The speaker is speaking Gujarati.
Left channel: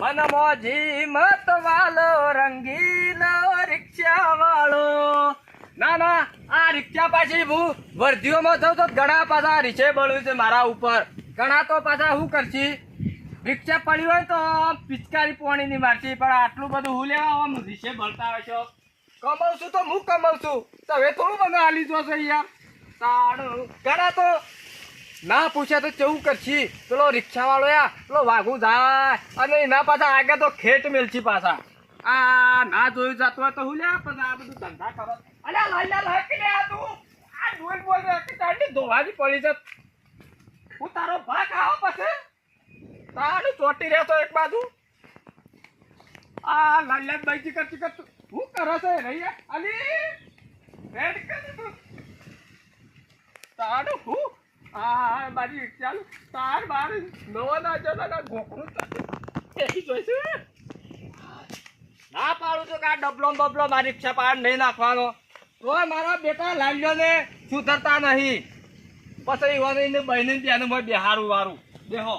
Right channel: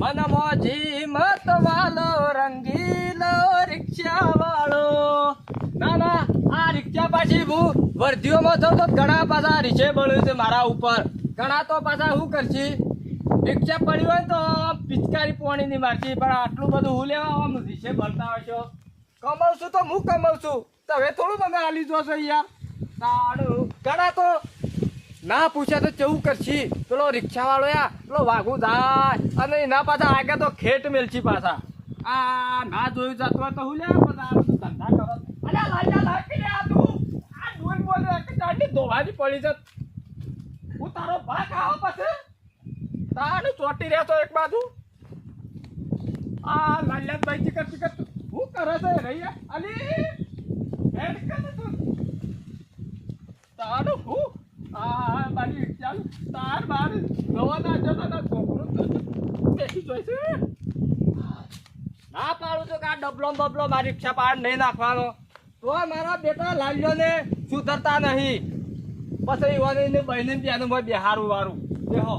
મન મોજી મત વાલો, રંગીલો રિક્ષા વાળો ના ના, આ રિક્ષા પાછી હું વર્ધીઓમાં થયો તો ઘણા પાછા રીછે બળ્યું છે મારા ઉપર. ઘણા તો પાછા શું કરશી? રિક્ષા પડી હોય તો પિચકારી પોણી ની મારતી પણ આટલું બધું હું લેવા આમ રીછે બળતા હોય છો. કમાઉં છું તો હું કમાઉં છું તો હવે થોડું મને હાલી જોશો યાર સારું. ઘણા તો ના પૂછ્યા તો કેવું કરશી? પેલો રિક્ષાવાળો યા, પેલો વાઘું જાય. અને એના પાછા આગળ તો ખેટ મેલછી પાછા. આ ના જોયું જતો તો હું લે બધા ધંધા તું. તારી ધોવાની પડી છે. હું તારો ભાગ આવો પછી. તારું ચોટી રહ્યો એક બાજુ. આ લાલ્યા બાઈજી કરતી હું કરે છે? તું. તારું હું આ મારી ચાલ, તાર બાર જોવા ના જતો ના બેસી જોઈશે ના પાડું છું કે આ ડબલો બબલો મારી રિક્ષા પાડ નહીં નાખવાનો. તો મારા બેટા લાલ્યોને સુધરતા નહીં. પછી એવાને બહેને ત્યાંનું મેં બિહારું વારું. દેહો